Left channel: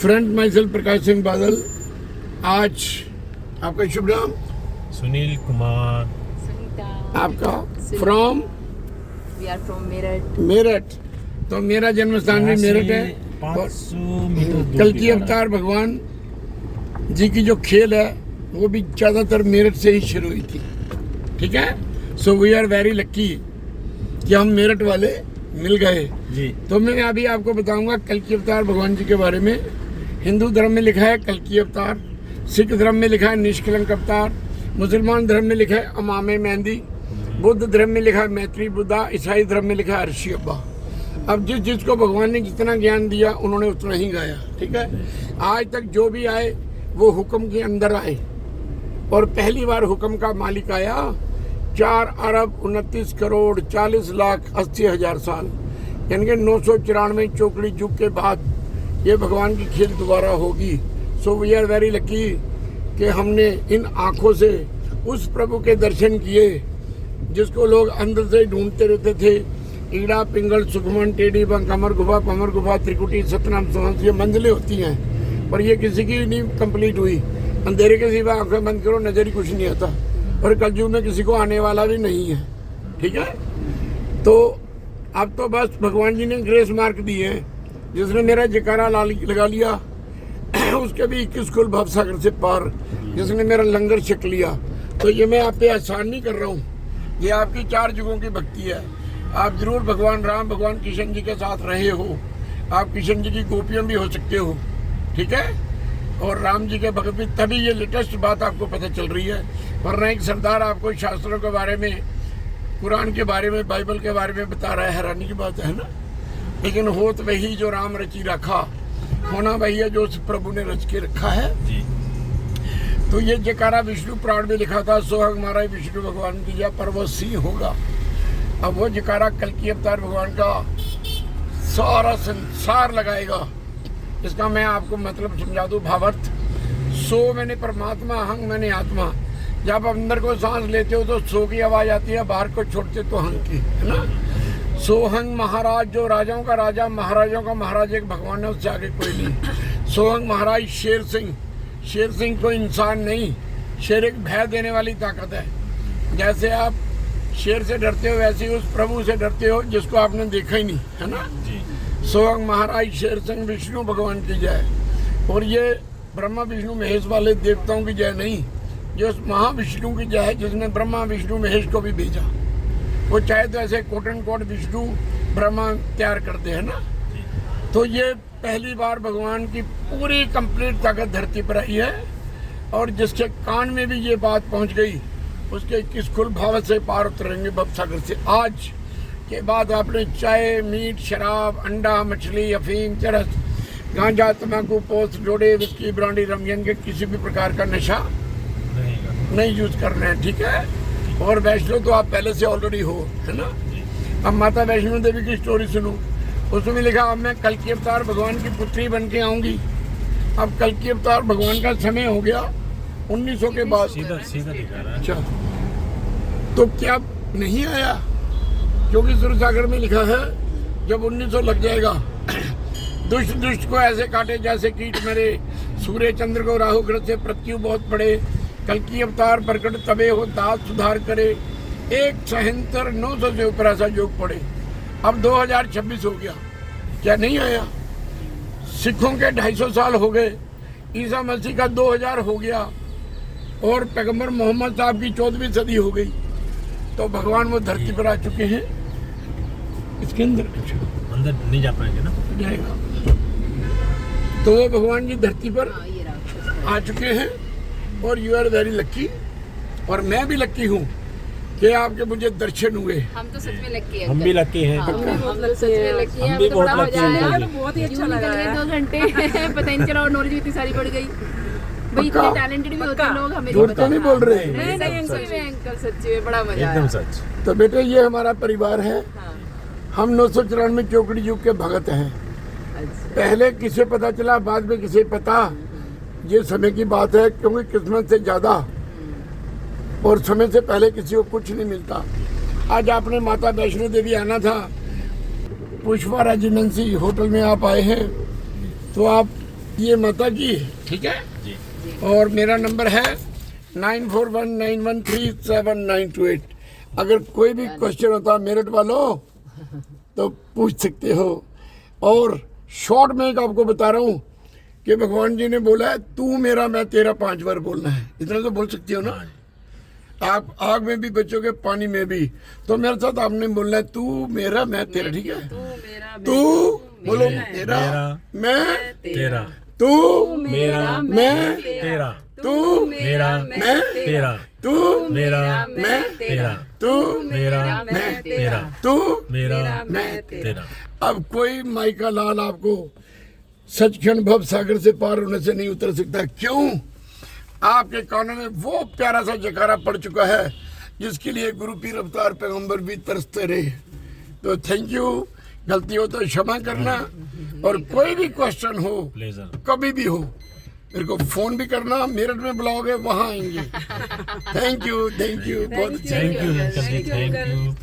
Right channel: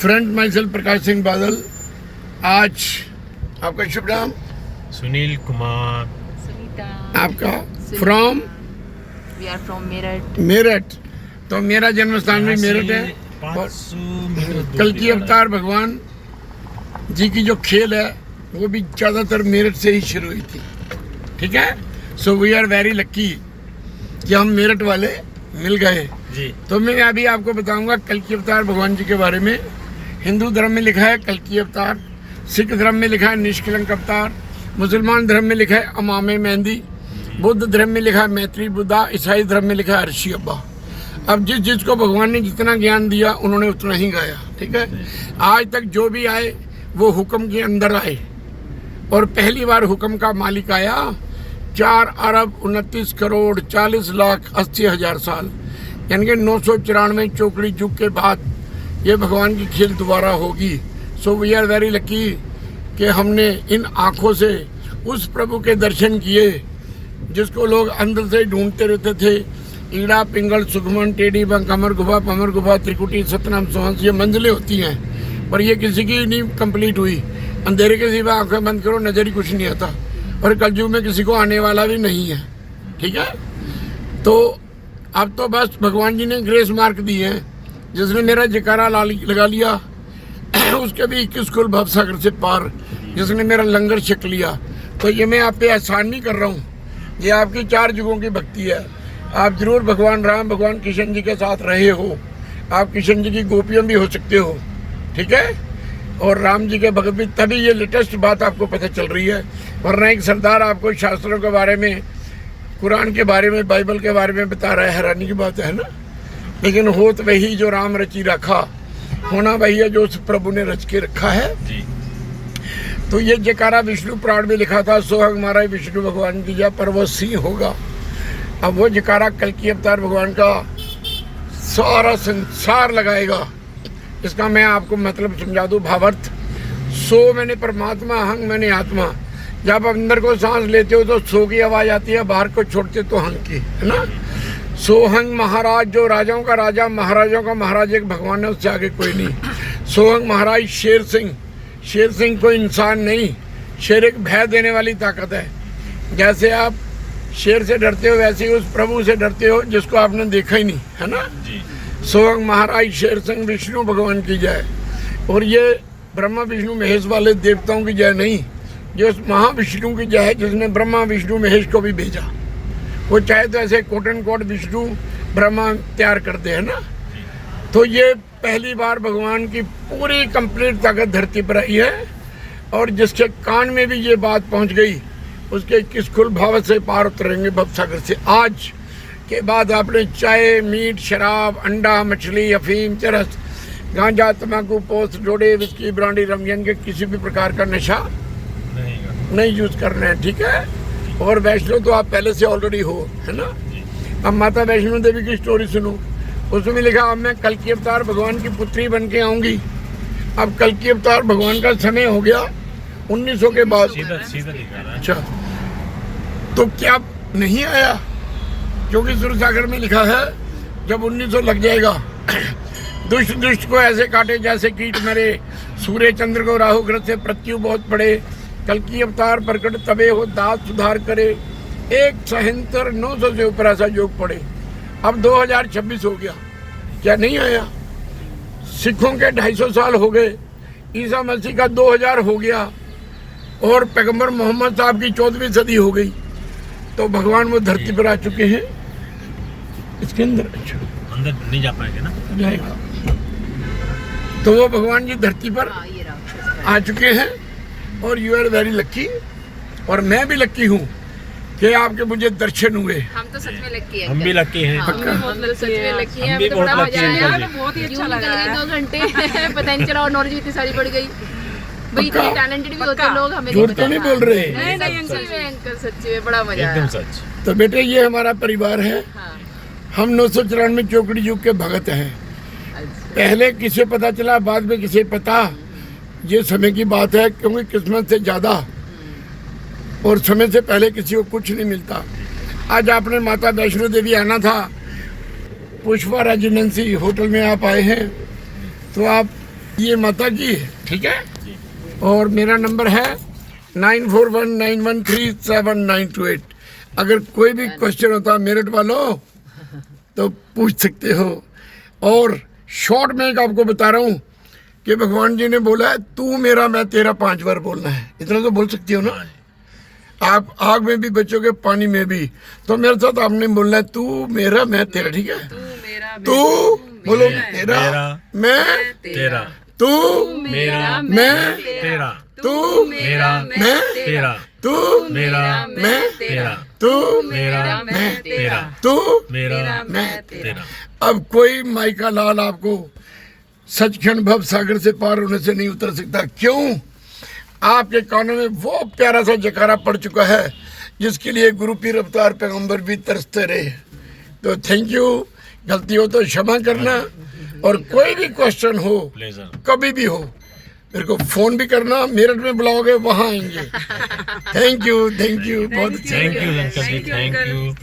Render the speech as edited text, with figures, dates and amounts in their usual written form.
Friend myself Prakash Singh Badal. आज आपका शुभ नाम? सुनील कुमार। सुनीता। आपका? From? We are from Meerut. Meerut. तो मेरा जन्म स्थान भी मेरठ है। 500 मीटर कल की अवतार भगवान जी की जो खेल है वो भी ज़्यादातर मेरठ से ही शुरू हुई थी। ठीक है, so we are very lucky कि हम मेरठ वाले मिल गए जी। तो मैं अभी आपको बताऊंगा कल की अवतार भगवान जी के बारे में। हिंदू धर्म में लिखा है कल की अवतार, सिख धर्म में लिखा है निष्कलंक अवतार, मुसलमान धर्म में लिखा है अमामे मेहंदी, बौद्ध धर्म में लिखा है मैत्री बुद्धा, ईसाई धर्म में लिखा है अर्शी अब्बा। अब जिस जिसको भगवान ने जितना ज्ञान दिया उन्होंने उतना ही गाया। ठीक है, आज तक जो भी आए वो हुक्म के अंदर आए और पहली बार हुक्म का मालिक आया 4 अरब 29 करोड़ 40 लाख 80 हजार साल, यानी कि 994 चौकड़ी युग के बाद ये भगवान की खेल दोबारा होगी। So we are very lucky कि हमने इन आँखों से उस प्रभु के दर्शन किए जिसको लोग अंदर से ढूंढते रहते थे। ईड़ा पिंगल सुखमन टेढ़ी कमर गुफा पमर गुफा त्रिकुटी सतनाम सोहंस, ये मंजिलें होती हैं पर ये किसी की नहीं कंप्लीट हुई। अंधेरे के सिवा आंखें बंद करो नजर ही कुछ नहीं आता और कलयुग में किसी को आने वाला भी नहीं है। ठीक है, तो अब तो बस भगवान जी ने ग्रेस मार्क दी है। जिसने मेरा जयकारा लगा लिया उसके भी 21 कुल भवसागर से पार, जिसने मेरा लंगर छक लिया। तो ये मैं आप पे एहसान नहीं कर रहा हूँ, ये आपकी 4 युगों की भक्ति है। आप जरूर भगवान राम भगवान कृष्ण जी के साथ रहे हो, आप कृष्ण जी की गोपियाँ भी हो सकते हो। ठीक है, और राम जी के भगत भी, तभी ये लेटेस्ट बात आपको पता चल रही है। वरना एक सरदार आपको शास्त्रों के बारे में, कुरान के बारे में, बाइबल के बारे में बता रहा है, हैरानी की बात है ना। लेकिन हो तो वही जो राम रची रखा, होना वही है जो उस प्रभु ने रच के रखा है जी। तो ये जयकारा विष्णु पुराण में लिखा था, सोहग मारा विष्णु भगवान की जय पर वो सिंह होगा। अब वो जयकारा कल की अवतार भगवान का सारा संसार लगाएगा। इसका मैं आपको मतलब समझा दूं, भावार्थ। सो मैंने परमात्मा, हंग मैंने आत्मा। जब अंदर को सांस लेते हो तो सो की आवाज आती है, बाहर को छोड़ते तो हंग की, है ना। सोहंग महाराज, जो राजाओं का राजा महाराजाओं का महाराज एक भगवान है, उससे आगे कोई नहीं। सोहंग महाराज शेर सिंह, शेर सिंह कोई इंसान नहीं, शेर एक भय देने वाली ताकत है। जैसे आप शेर से डरते हो वैसे ही उस प्रभु से डरते हो जिसको आपने देखा ही नहीं, है ना। सोहंग महाराज शेर सिंह विष्णु भगवान की जय। और ये ब्रह्मा विष्णु महेश वाले देवताओं की जय नहीं, ये उस महाविष्णु की जय है जिसने ब्रह्मा विष्णु महेश को भी भेजा। वो चाहे तो ऐसे quote and quote Vishnu Brahma तैयार करते हैं ना। तो ये पहली बार भगवान की पूरी कंप्लीट ताकत धरती पर आई है और जिसके कान में भी ये बात पहुंच गई उसके 21 कुल भाव से पार उतरेंगे भवसागर से। आज के बाद आपने चाय मीट शराब अंडा मछली अफीम चरस गांजा तंबाकू पोस्ट डोडे विस्की ब्रांडी रमजन के किसी भी प्रकार का नशा नहीं यूज करना है। ठीक है, और वैष्णो तो आप पहले से ऑलरेडी हो, है ना। अब माता वैष्णो देवी की स्टोरी सुनो, उसमें लिखा अब मैं कल की अवतार भगवान की पुत्री बन के आऊंगी। अब कल की अवतार भगवान का समय हो गया 1900 के बाद। सीधा दिखा रहा है। अच्छा, तो क्या नहीं आया? क्योंकि सुरसागर में लिखा है जब 1900 लग जाएगा दुष्ट दुष्ट को ऐसे काटे जैसे कीट मरे, सूर्य चंद्र को राहु ग्रह से मृत्यु बहुत पड़े, कल की अवतार प्रकट तबे हो दास सुधार करे, एक सहंतर 900 से ऊपर ऐसा योग पड़े। अब 2026 हो गया, क्या नहीं आया? सिखों के 250 साल हो गए, ईसा मसीह का 2000 हो गया और पैगंबर मोहम्मद साहब की 14वीं सदी हो गई। तो भगवान वो धरती पर आ चुके हैं। इसके अंदर नहीं जा पाएंगे ना, जाएगा। तो वो भगवान जी धरती पर आ चुके हैं और यू आर वेरी लक्की। और मैं भी लक्की हूँ कि आपके मुझे दर्शन हुए। हम तो सच में लकी हैं। हम भी लकी हैं। हम तो सच में लकी हैं। हम भी हमें तो बड़ा बहुत मजा lucky हैं। आया, बहुत ही अच्छा लगा। 2 घंटे पता नहीं चला और नॉलेज भी इतनी सारी बढ़ गई। भाई इतने टैलेंटेड भी होते हैं लोग, हमें नहीं झूठ पता। तो नहीं बोल रहे। नहीं सच्ची में अंकल, सच्ची में बड़ा मजा आया। एकदम सच। तो बेटे ये हमारा परिवार है। हाँ, हम 994 चौकड़ी युग के भगत हैं। पहले किसे पता चला, बाद में किसे पता, ये समय की बात है। क्योंकि किस्मत से ज्यादा और समय से पहले किसी को कुछ नहीं मिलता। आज आपने माता वैष्णो देवी आना था, पुष्पा रेजिडेंसी होटल में आप आए हैं, तो आप ये माता की है, ठीक है। जी और मेरा नंबर है 9419137928। अगर कोई भी क्वेश्चन होता है मेरठ वालों तो पूछ सकते हो। और शॉर्ट में एक आपको बता रहा हूँ कि भगवान जी ने बोला है तू मेरा मैं तेरा 5 बार बोलना है। इतना तो बोल सकती हो ना। हाँ जी आप आग में भी बचोगे, पानी में भी। तो मेरे साथ आपने बोलना है तू मेरा मैं तेरा, ठीक है। तू बोलो मेरा मैं तेरा तू मेरा मैं तेरा तू मेरा मैं तेरा तू मेरा मैं तेरा तू मेरा मैं तेरा तू मेरा मैं तेरा। अब कोई माइका लाल आपको सचखंड भव सागर से पार होने से नहीं उतर सकता। क्यों? आपके कानों में वो प्यारा सा जयकारा पड़ चुका है जिसके लिए गुरु पीर अवतार पैगंबर भी तरसते रहे। तो थैंक यू। गलती हो तो क्षमा करना। और कोई भी क्वेश्चन हो प्लेजर कभी भी हो मेरे को फोन भी करना। मेरठ में बुलाओगे वहाँ आएंगे। थैंक यू बहुत अच्छा thank you uncle ji thank you.